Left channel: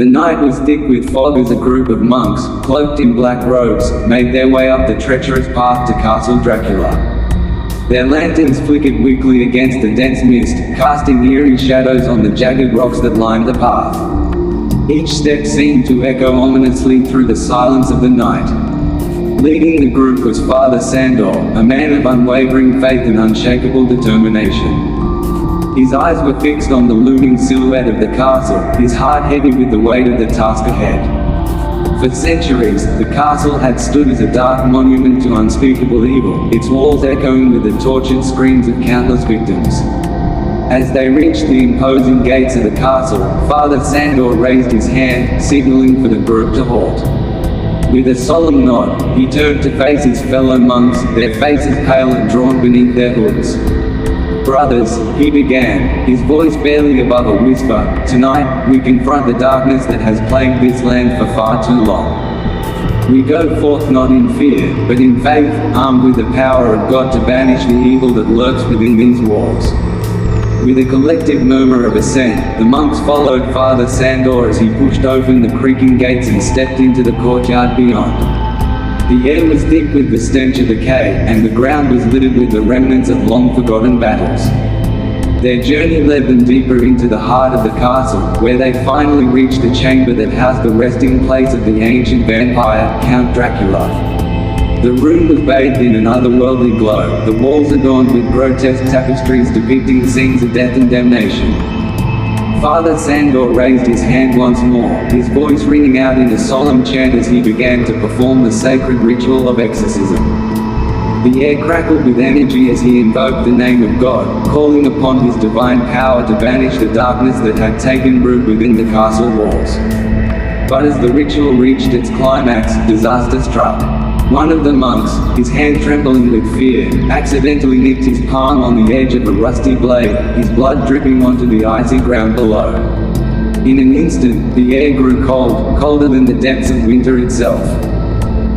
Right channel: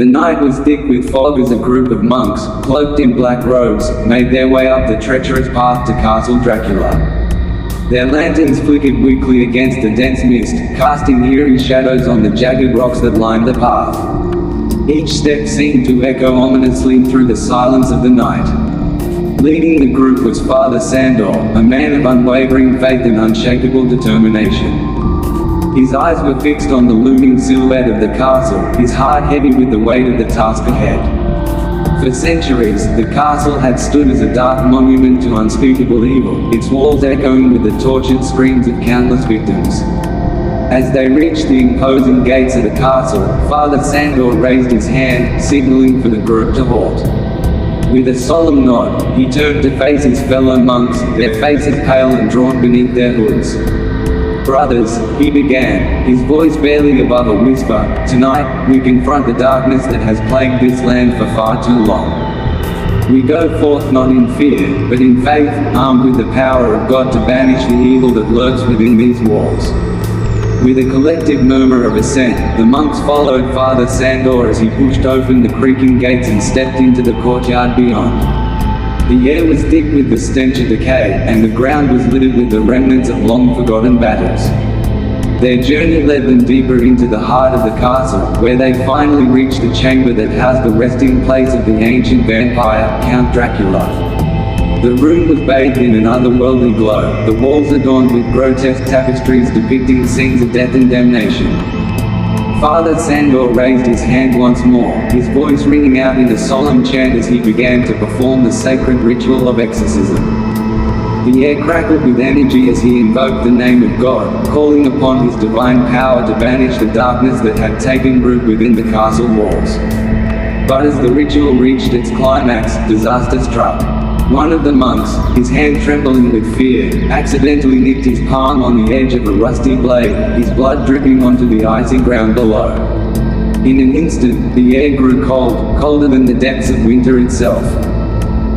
The night was thick with fog as a group of monks, cloaked in black robes, made their way up the treacherous path to Castle Dracula. Their lanterns flickered weakly against the dense mist, casting eerie shadows on the jagged rocks that lined the path. Each step seemed to echo ominously through the silence of the night. Leading the group was Father Sandor, a man of unwavering faith and unshakable determination. His eyes were fixed on the looming silhouette of the castle, his heart heavy with the weight of the task ahead. For centuries, the castle had stood as a dark monument to unspeakable evil, its walls echoing with the tortured screams of countless victims. As they reached the imposing gates of the castle, Father Sandor raised his hand, signaling for the group to halt. With a solemn nod, he turned to face his fellow monks, their faces pale and drawn beneath their hoods. "Brothers," he began, his voice barely above a whisper, "tonight, we confront the darkness that has plagued this land for far too long. We go forth not in fear, but in faith, armed with the power of God to banish the evil that lurks within these walls." With a collective murmur of assent, the monks followed Father Sandor as he pushed open the creaking gates and stepped into the courtyard beyond. The air was thick with the stench of decay, and the ground was littered with the remnants of long-forgotten battles. Their journey led them deeper into the heart of the castle, where they finally reached the chamber that housed the resting place of the ancient vampire, Count Dracula. The room was bathed in an otherworldly glow, the walls adorned with grotesque tapestries depicting scenes of death and damnation. Father Sandor raised his hand once more, his voice ringing out in a solemn chant as he began to perform the sacred ritual of exorcism. The air crackled with energy as he invoked the name of God, calling upon his divine power to banish the darkness that had taken root within the castle walls. But as the ritual reached its climax, disaster struck. One of the monks, his hand trembling with fear, accidentally nicked his palm on the edge of a rusty blade, his blood dripping onto the icy ground below. In an instant, the air grew cold, colder than the depths of winter itself.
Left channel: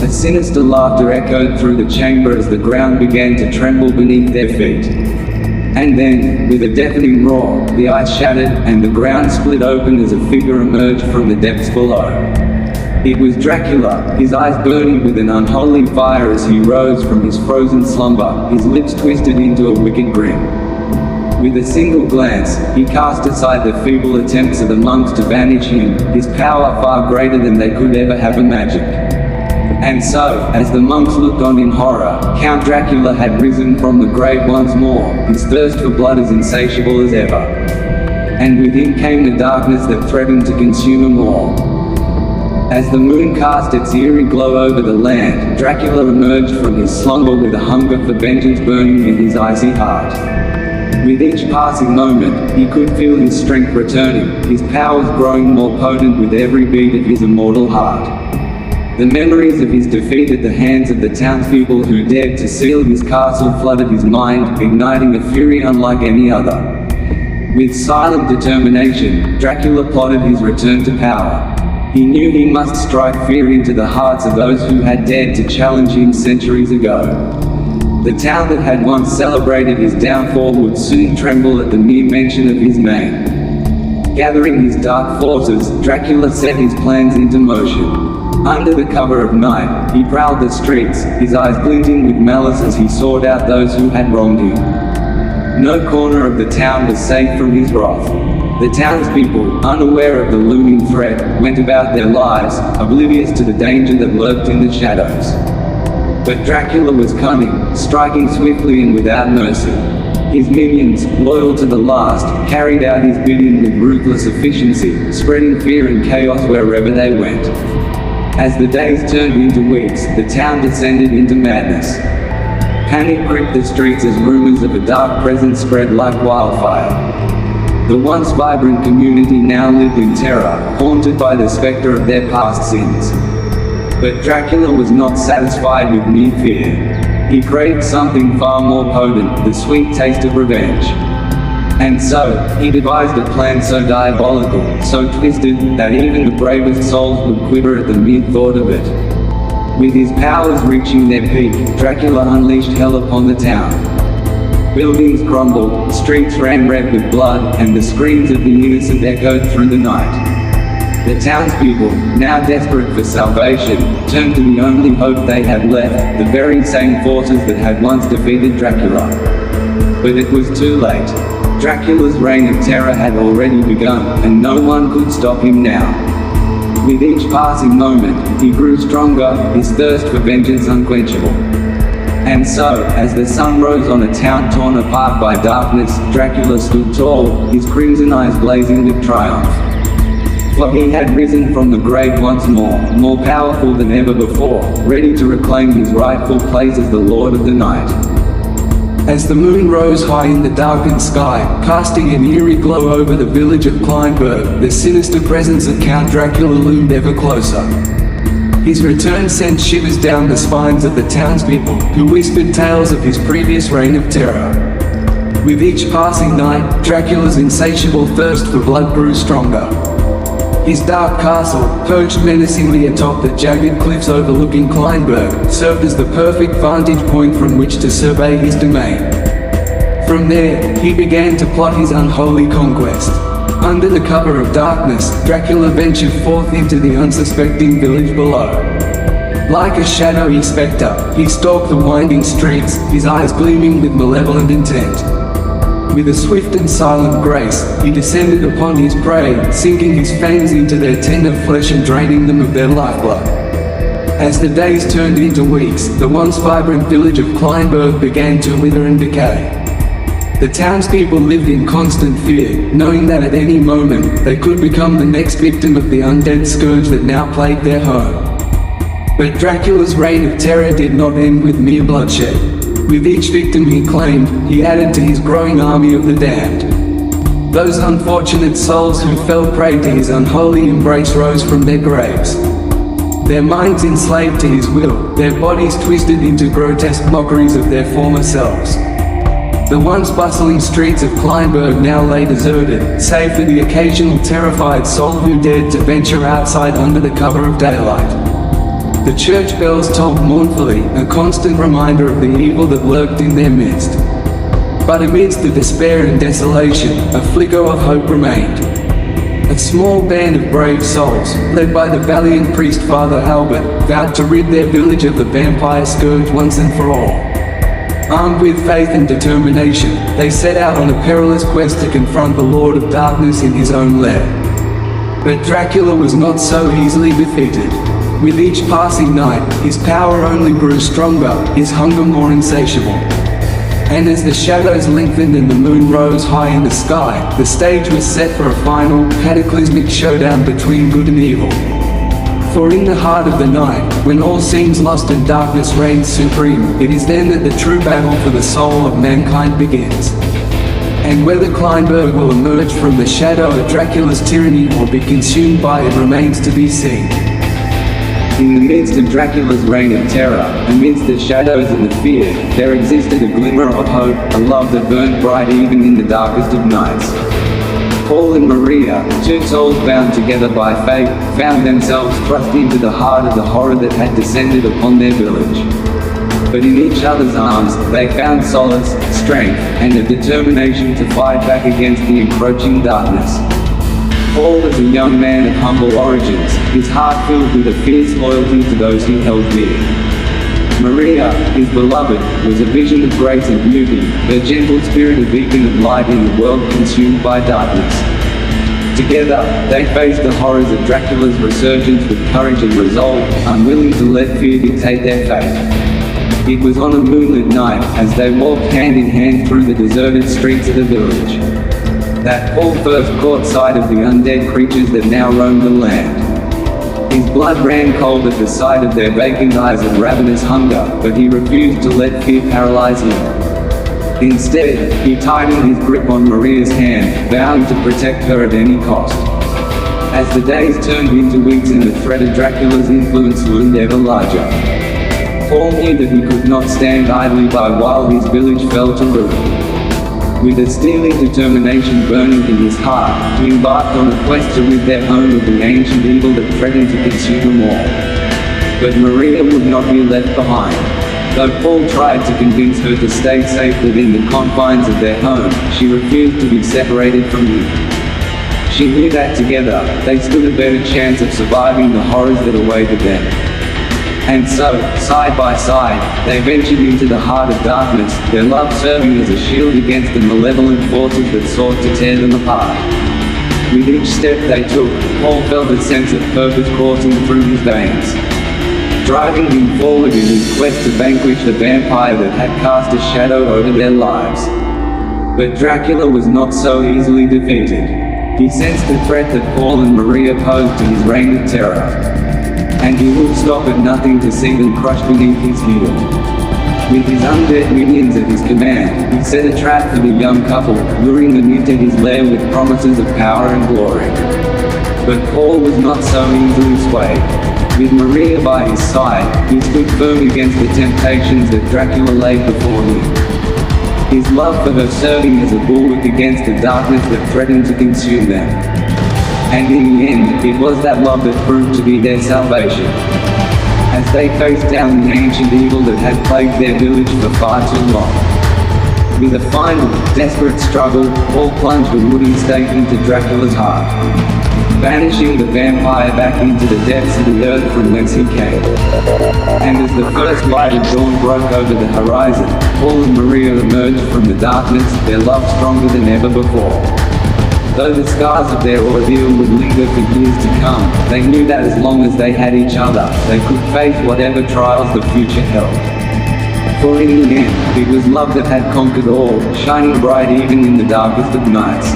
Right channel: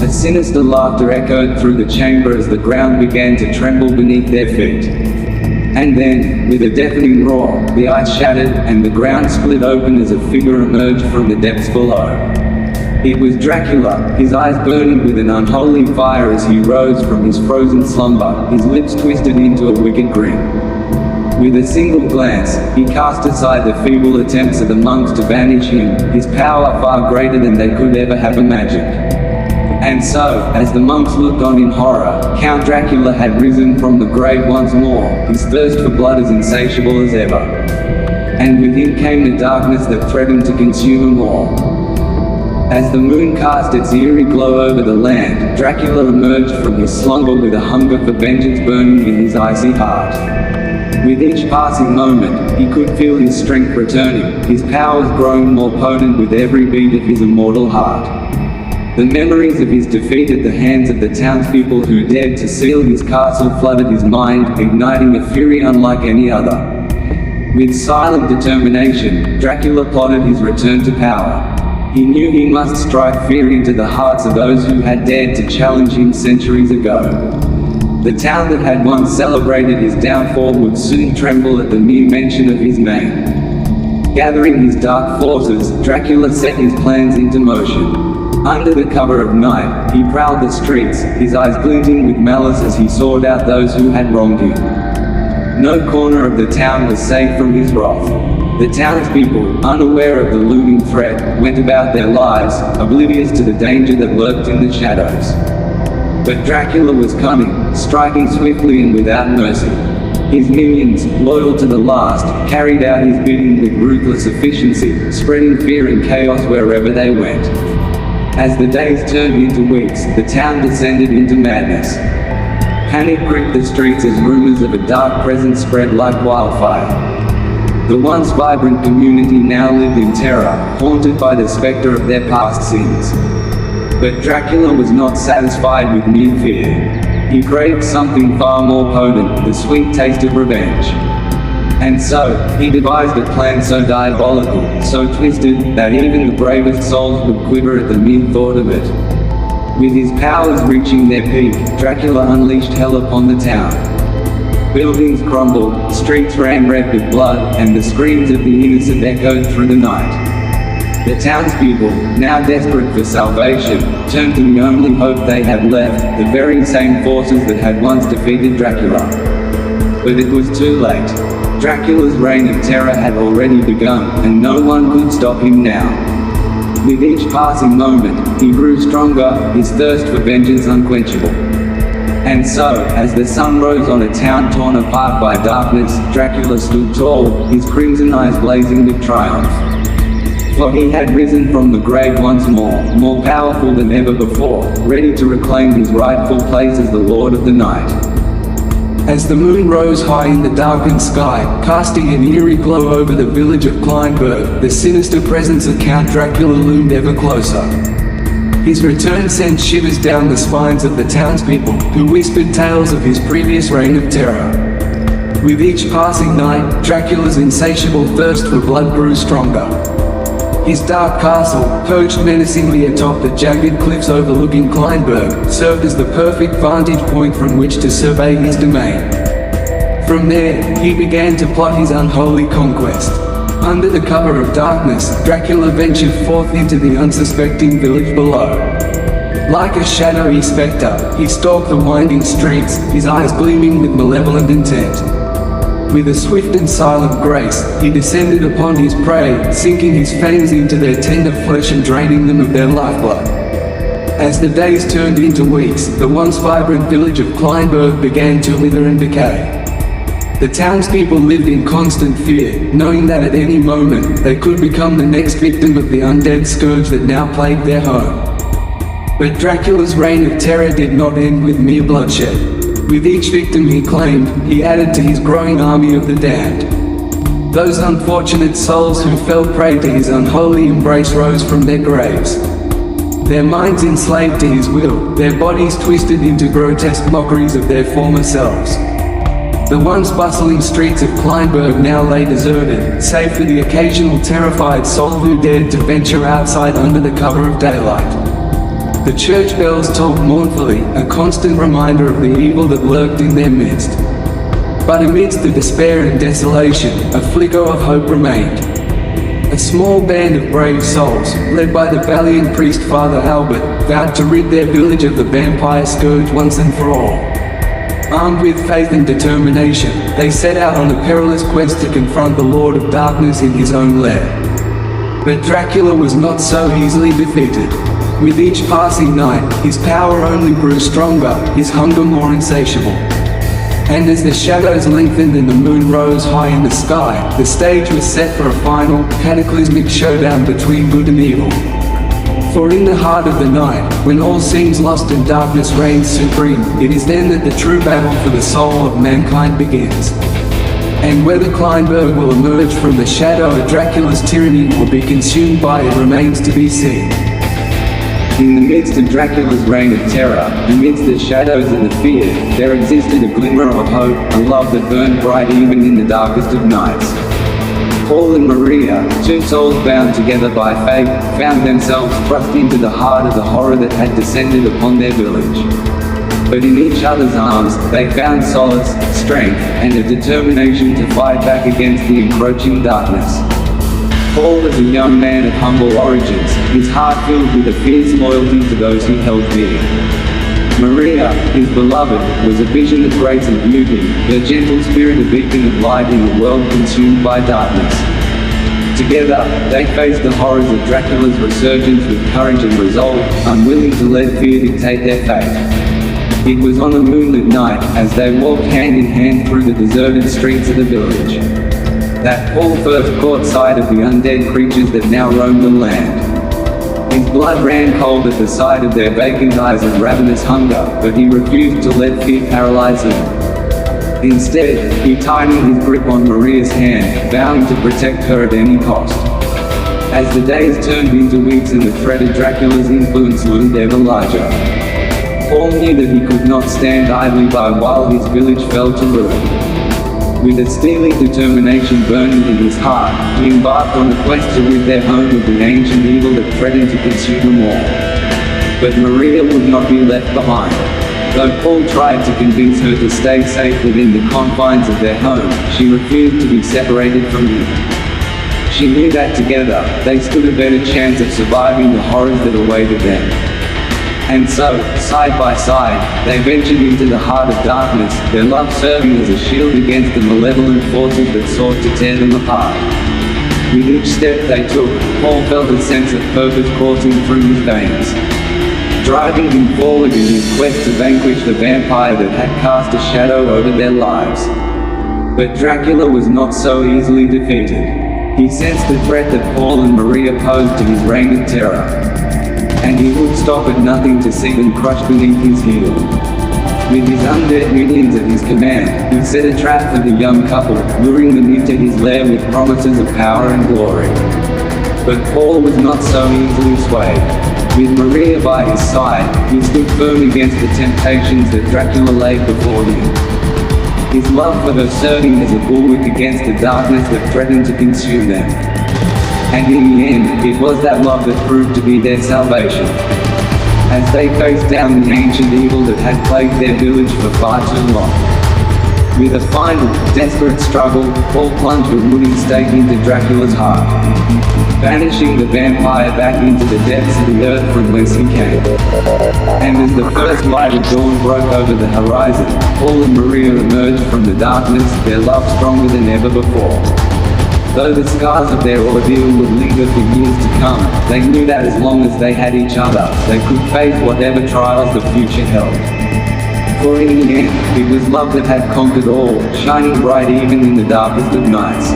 A sinister laughter echoed through the chamber as the ground began to tremble beneath their feet. And then, with a deafening roar, the ice shattered, and the ground split open as a figure emerged from the depths below. It was Dracula, his eyes burning with an unholy fire as he rose from his frozen slumber, his lips twisted into a wicked grin. With a single glance, he cast aside the feeble attempts of the monks to banish him, his power far greater than they could ever have imagined. And so, as the monks looked on in horror, Count Dracula had risen from the grave once more, his thirst for blood as insatiable as ever. And with him came the darkness that threatened to consume them all. As the moon cast its eerie glow over the land, Dracula emerged from his slumber with a hunger for vengeance burning in his icy heart. With each passing moment, he could feel his strength returning, his powers growing more potent with every beat of his immortal heart. The memories of his defeat at the hands of the townspeople who dared to seal his castle flooded his mind, igniting a fury unlike any other. With silent determination, Dracula plotted his return to power. He knew he must strike fear into the hearts of those who had dared to challenge him centuries ago. The town that had once celebrated his downfall would soon tremble at the mere mention of his name. Gathering his dark forces, Dracula set his plans into motion. Under the cover of night, he prowled the streets, his eyes glinting with malice as he sought out those who had wronged him. No corner of the town was safe from his wrath. The townspeople, unaware of the looming threat, went about their lives, oblivious to the danger that lurked in the shadows. But Dracula was coming, striking swiftly and without mercy. His minions, loyal to the last, carried out his bidding with ruthless efficiency, spreading fear and chaos wherever they went. As the days turned into weeks, the town descended into madness. Panic gripped the streets as rumors of a dark presence spread like wildfire. The once vibrant community now lived in terror, haunted by the specter of their past sins. But Dracula was not satisfied with mere fear. He craved something far more potent, the sweet taste of revenge. And so, he devised a plan so diabolical, so twisted, that even the bravest souls would quiver at the mere thought of it. With his powers reaching their peak, Dracula unleashed hell upon the town. Buildings crumbled, streets ran red with blood, and the screams of the innocent echoed through the night. The townspeople, now desperate for salvation, turned to the only hope they had left, the very same forces that had once defeated Dracula. But it was too late. Dracula's reign of terror had already begun, and no one could stop him now. With each passing moment, he grew stronger, his thirst for vengeance unquenchable. And so, as the sun rose on a town torn apart by darkness, Dracula stood tall, his crimson eyes blazing with triumph. For he had risen from the grave once more powerful than ever before, ready to reclaim his rightful place as the Lord of the Night. As the moon rose high in the darkened sky, casting an eerie glow over the village of Kleinberg, the sinister presence of Count Dracula loomed ever closer. His return sent shivers down the spines of the townspeople, who whispered tales of his previous reign of terror. With each passing night, Dracula's insatiable thirst for blood grew stronger. His dark castle, perched menacingly atop the jagged cliffs overlooking Kleinberg, served as the perfect vantage point from which to survey his domain. From there, he began to plot his unholy conquest. Under the cover of darkness, Dracula ventured forth into the unsuspecting village below. Like a shadowy spectre, he stalked the winding streets, his eyes gleaming with malevolent intent. With a swift and silent grace, he descended upon his prey, sinking his fangs into their tender flesh and draining them of their lifeblood. As the days turned into weeks, the once vibrant village of Kleinberg began to wither and decay. The townspeople lived in constant fear, knowing that at any moment, they could become the next victim of the undead scourge that now plagued their home. But Dracula's reign of terror did not end with mere bloodshed. With each victim he claimed, he added to his growing army of the damned. Those unfortunate souls who fell prey to his unholy embrace rose from their graves. Their minds enslaved to his will, their bodies twisted into grotesque mockeries of their former selves. The once bustling streets of Kleinberg now lay deserted, save for the occasional terrified soul who dared to venture outside under the cover of daylight. The church bells tolled mournfully, a constant reminder of the evil that lurked in their midst. But amidst the despair and desolation, a flicker of hope remained. A small band of brave souls, led by the valiant priest Father Albert, vowed to rid their village of the vampire scourge once and for all. Armed with faith and determination, they set out on a perilous quest to confront the Lord of Darkness in his own lair. But Dracula was not so easily defeated. With each passing night, his power only grew stronger, his hunger more insatiable. And as the shadows lengthened and the moon rose high in the sky, the stage was set for a final, cataclysmic showdown between good and evil. For in the heart of the night, when all seems lost and darkness reigns supreme, it is then that the true battle for the soul of mankind begins. And whether Kleinberg will emerge from the shadow of Dracula's tyranny or be consumed by it remains to be seen. In the midst of Dracula's reign of terror, amidst the shadows and the fear, there existed a glimmer of hope, a love that burned bright even in the darkest of nights. Paul and Maria, two souls bound together by fate, found themselves thrust into the heart of the horror that had descended upon their village. But in each other's arms, they found solace, strength, and a determination to fight back against the encroaching darkness. Paul was a young man of humble origins, his heart filled with a fierce loyalty to those he held dear. Maria, his beloved, was a vision of grace and beauty, the gentle spirit of beacon of light in a world consumed by darkness. Together, they faced the horrors of Dracula's resurgence with courage and resolve, unwilling to let fear dictate their fate. It was on a moonlit night, as they walked hand in hand through the deserted streets of the village, that Paul first caught sight of the undead creatures that now roamed the land. His blood ran cold at the sight of their vacant eyes of ravenous hunger, but he refused to let fear paralyze him. Instead, he tightened his grip on Maria's hand, vowing to protect her at any cost. As the days turned into weeks and the threat of Dracula's influence loomed ever larger, Paul knew that he could not stand idly by while his village fell to ruin. With a steely determination burning in his heart, he embarked on a quest to rid their home of the ancient evil that threatened to consume them all. But Maria would not be left behind. Though Paul tried to convince her to stay safe within the confines of their home, she refused to be separated from him. She knew that together, they stood a better chance of surviving the horrors that awaited them. And so, side by side, they ventured into the heart of darkness, their love serving as a shield against the malevolent forces that sought to tear them apart. With each step they took, Paul felt a sense of purpose coursing through his veins, driving him forward in his quest to vanquish the vampire that had cast a shadow over their lives. But Dracula was not so easily defeated. He sensed the threat that Paul and Maria posed to his reign of terror, and he would stop at nothing to see them crushed beneath his heel. With his undead minions at his command, he set a trap for the young couple, luring them into his lair with promises of power and glory. But Paul was not so easily swayed. With Maria by his side, he stood firm against the temptations that Dracula laid before him. His love for her serving as a bulwark against the darkness that threatened to consume them. And in the end, it was that love that proved to be their salvation. As they faced down the ancient evil that had plagued their village for far too long. With a final, desperate struggle, Paul plunged a wooden stake into Dracula's heart, banishing the vampire back into the depths of the earth from whence he came. And as the first light of dawn broke over the horizon, Paul and Maria emerged from the darkness, their love stronger than ever before. Though the scars of their ordeal would linger for years to come, they knew that as long as they had each other, they could face whatever trials the future held. For in the end, it was love that had conquered all, shining bright even in the darkest of nights.